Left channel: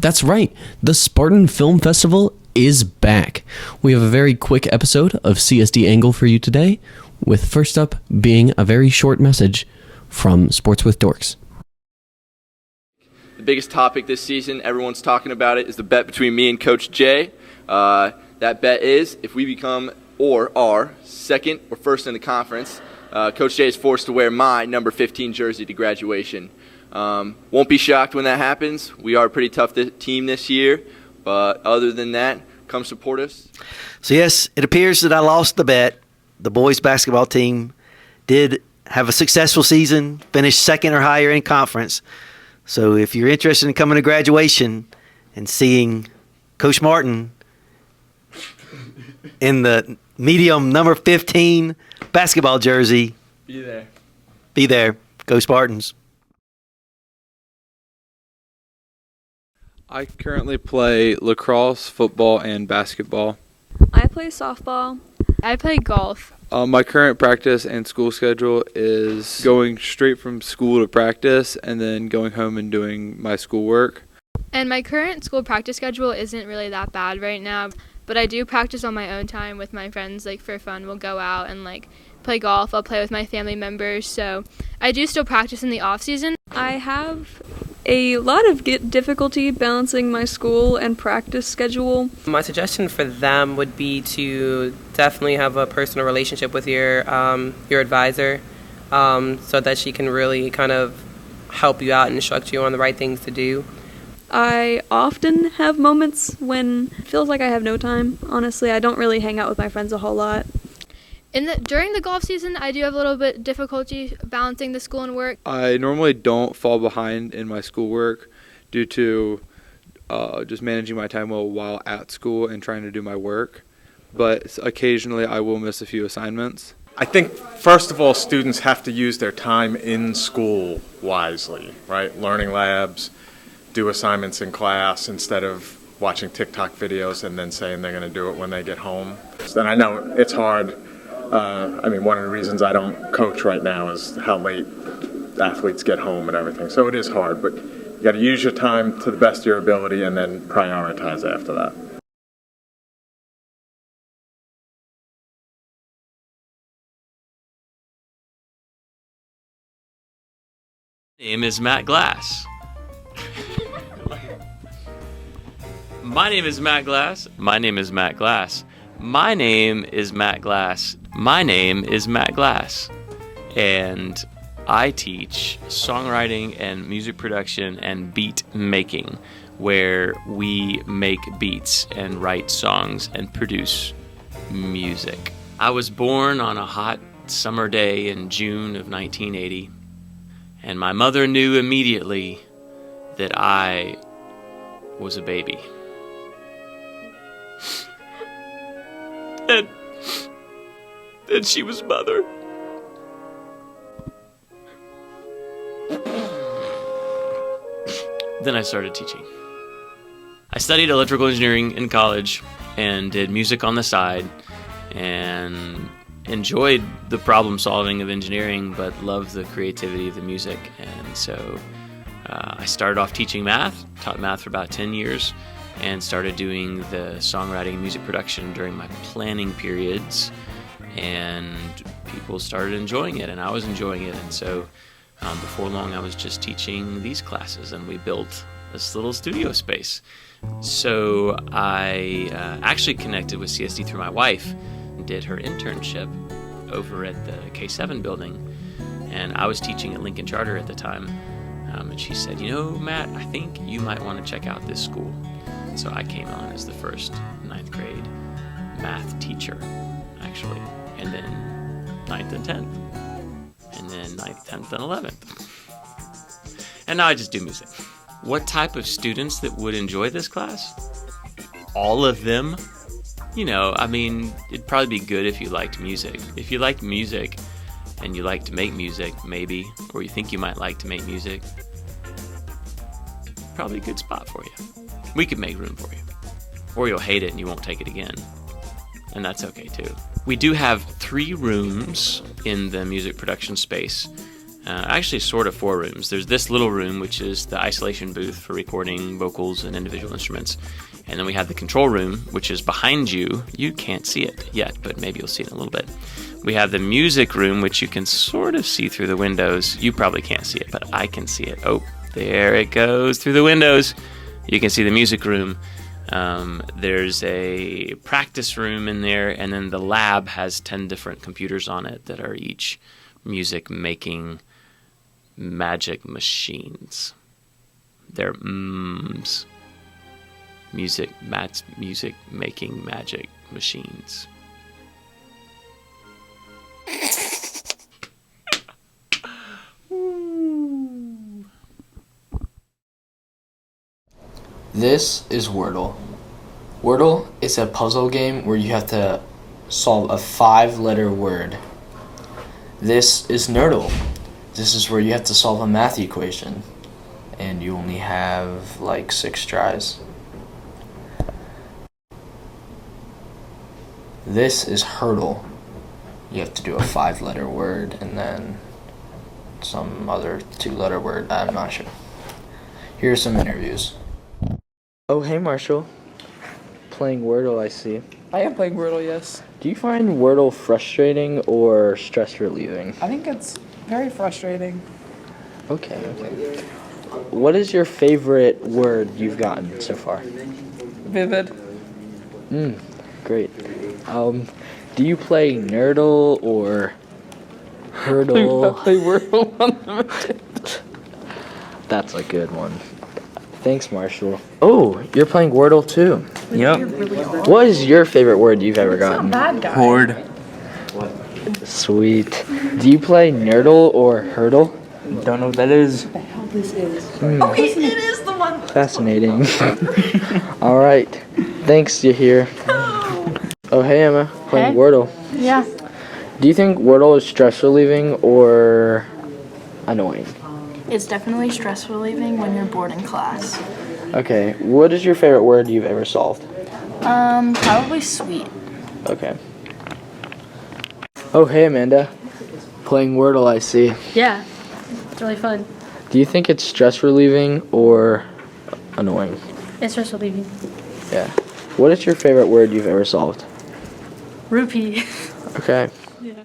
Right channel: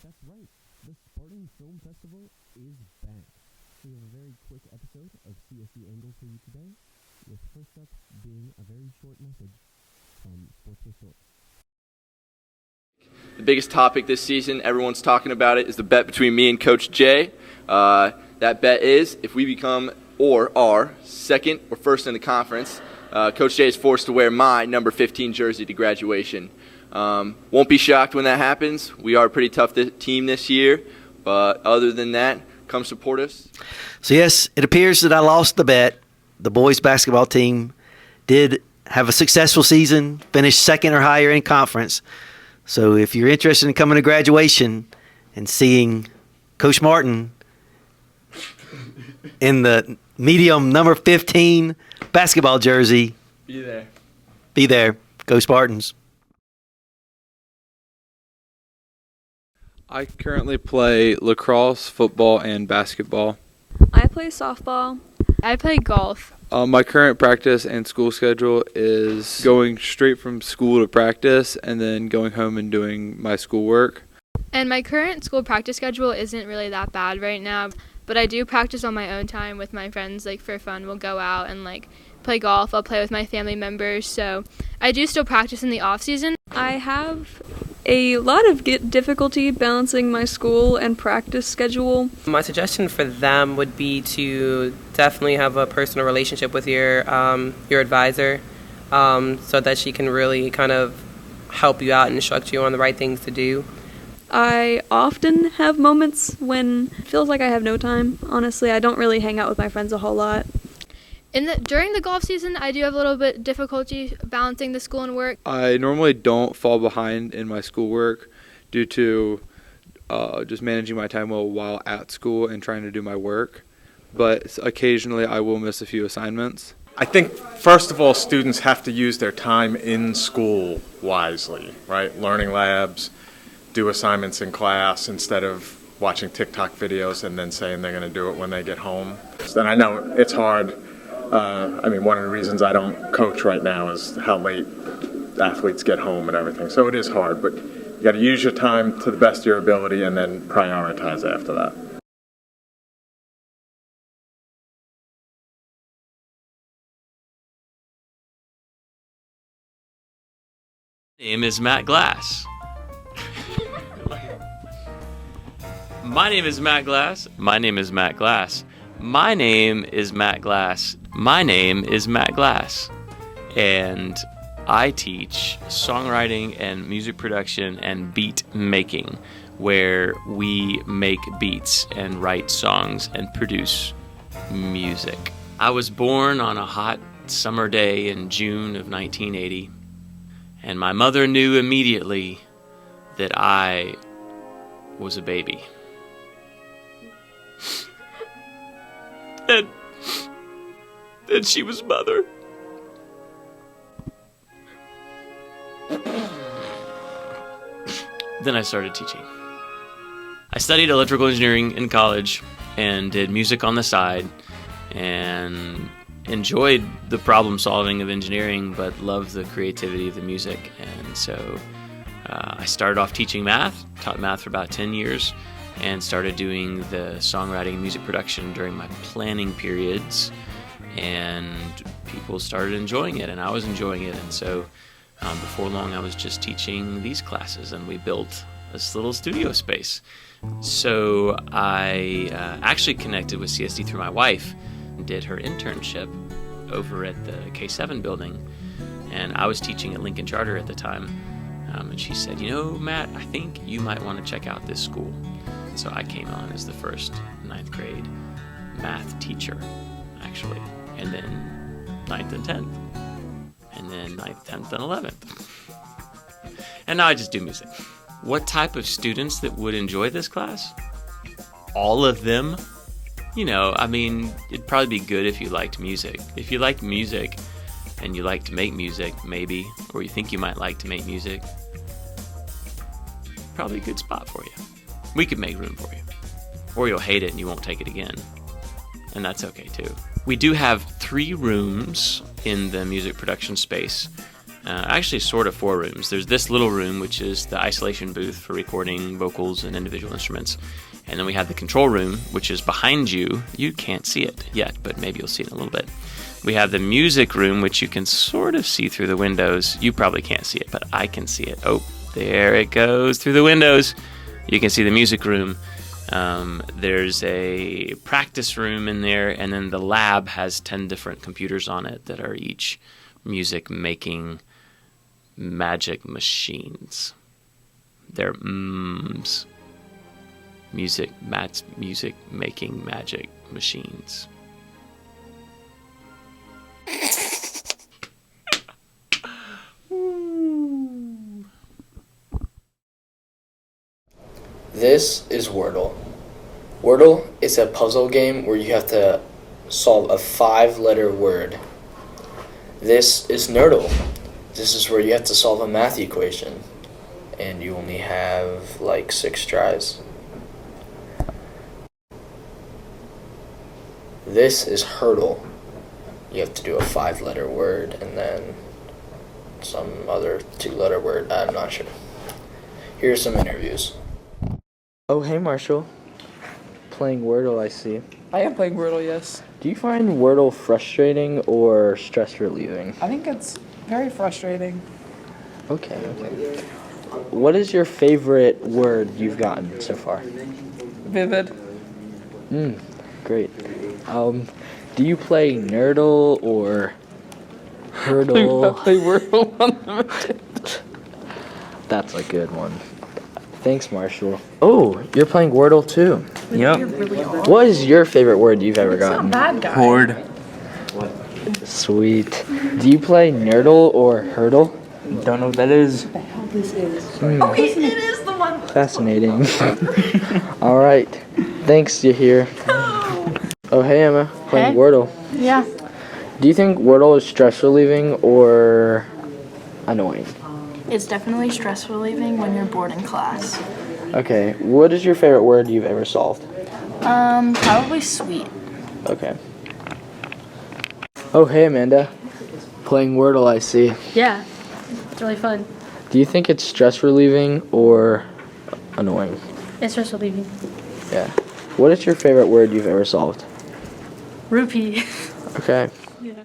That's right, the Spartan Film Festival is back. We have a very quick episode of CSD Angle for you today, with first up being a very short message from Sports with Dorks. The biggest topic this season, everyone's talking about it, is the bet between me and Coach Jay. That bet is, if we become or are second or first in the conference, Coach Jay is forced to wear my number 15 jersey to graduation. Won't be shocked when that happens. We are a pretty tough team this year, but other than that, come support us. So yes, it appears that I lost the bet. The boys basketball team did have a successful season, finished second or higher in conference. So if you're interested in coming to graduation and seeing Coach Martin in the medium number 15 basketball jersey, Be there. Be there. Go Spartans. I currently play lacrosse, football, and basketball. I play softball. I play golf. My current practice and school schedule is going straight from school to practice and then going home and doing my schoolwork. And my current school practice schedule isn't really that bad right now, but I do practice on my own time with my friends, like for fun. We'll go out and play golf. I'll play with my family members, so I do still practice in the off season. I have a lot of difficulty balancing my school and practice schedule. My suggestion for them would be to definitely have a personal relationship with your advisor, so that she can really kind of help you out and instruct you on the right things to do. I often have moments when it feels like I have no time. Honestly, I don't really hang out with my friends a whole lot. During the golf season, I do have a little bit difficulty balancing the school and work. I normally don't fall behind in my schoolwork due to just managing my time well while at school and trying to do my work. But occasionally I will miss a few assignments. I think, first of all, students have to use their time in school wisely, right? Learning labs, do assignments in class instead of watching TikTok videos and then saying they're going to do it when they get home. And I know it's hard. One of the reasons I don't coach right now is how late athletes get home and everything. So it is hard, but you got to use your time to the best of your ability and then prioritize after that. My name is Matt Glass. My name is Matt Glass. My name is Matt Glass. My name is Matt Glass. My name is Matt Glass. And I teach songwriting and music production and beat making, where we make beats and write songs and produce music. I was born on a hot summer day in June of 1980, and my mother knew immediately that I was a baby. And she was mother. Then I started teaching. I studied electrical engineering in college and did music on the side and enjoyed the problem solving of engineering, but loved the creativity of the music. And so I started off teaching math, taught math for about 10 years, and started doing the songwriting and music production during my planning periods, and people started enjoying it, and I was enjoying it, and so before long I was just teaching these classes, and we built this little studio space. So I actually connected with CSD through my wife, and did her internship over at the K7 building, and I was teaching at Lincoln Charter at the time, and she said, Matt, I think you might want to check out this school. So I came on as the first 9th grade math teacher, actually, and then 9th and 10th, and then 9th, 10th, and 11th. And now I just do music. What type of students that would enjoy this class? All of them. It'd probably be good if you liked music. If you like music and you like to make music, maybe, or you think you might like to make music, probably a good spot for you. We could make room for you. Or you'll hate it and you won't take it again. And that's okay too. We do have 3 rooms in the music production space. Actually, sort of 4 rooms. There's this little room, which is the isolation booth for recording vocals and individual instruments. And then we have the control room, which is behind you. You can't see it yet, but maybe you'll see it in a little bit. We have the music room, which you can sort of see through the windows. You probably can't see it, but I can see it. Oh, there it goes through the windows. You can see the music room. There's a practice room in there, and then the lab has 10 different computers on it that are each music-making magic machines. They're music-making magic machines. This is Wordle. Wordle is a puzzle game where you have to solve a 5-letter word. This is Nerdle. This is where you have to solve a math equation, and you only have like 6 tries. This is Hurdle. You have to do a 5-letter word and then some other 2-letter word. I'm not sure. Here are some interviews. Oh, hey, Marshall. Playing Wordle, I see. I am playing Wordle, yes. Do you find Wordle frustrating or stress relieving? I think it's very frustrating. Okay. What is your favorite word you've gotten so far? Vivid. Great. Do you play Nerdle or Hurdle? I play Wordle Unlimited. That's a good one. Thanks, Marshall. Oh, you're playing Wordle too. Yep. What is your favorite word you've ever gotten? Bad guy. Horde. Sweet. Do you play Nerdle or Hurdle? Don't know what that is. What the hell this is? Oh, it is the one. Fascinating. All right. Thanks, you're here. Oh, hey, Emma. Playing Wordle. Yeah. Do you think Wordle is stress relieving or annoying? It's definitely stress relieving when you're bored in class. Okay. What is your favorite word you've ever solved? Probably sweet. Okay. Oh, hey, Amanda. Playing Wordle, I see. Yeah. It's really fun. Do you think it's stress relieving or annoying? It's stress relieving. Yeah. What is your favorite word you've ever solved? Rupee. Okay. Yeah.